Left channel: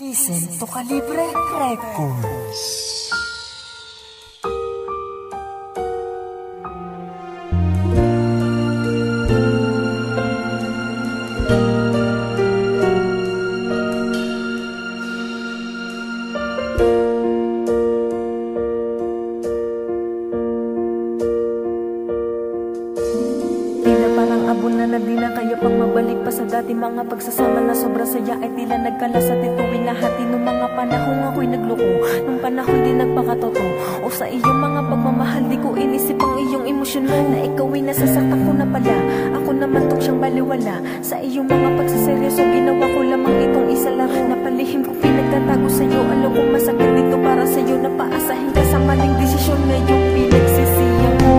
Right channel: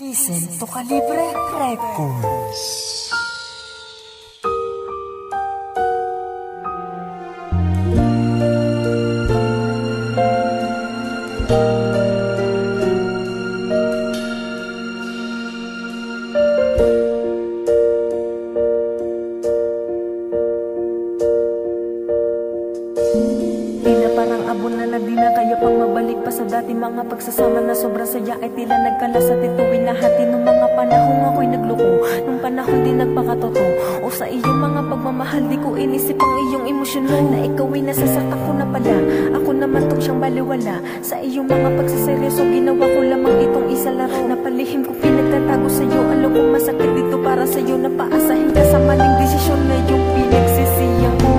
Listen to Calibre Records. Di na parang abon na di na kaya pang mabalik pa sa dati mga pagsasama na sobrang saya ay tila nagkalas at ituwin na hati nung mga panahong ako'y nagloko, nung panahon di nagpakatoto o sa iyong mga pagmamahal di ko inisip ang iyong emosyon mo na ikaw ay nasasaktan ko na pala, ako naman tong siyang baliwala sa iyong mga pagsaseryoso ginawa ko lamang itong isa laro na palihim ko pinagtatago sa'yo, alam ko masakit dito para sa'yo na paasahin ka sa maling desisyon ngayong pinagsisiyang ko.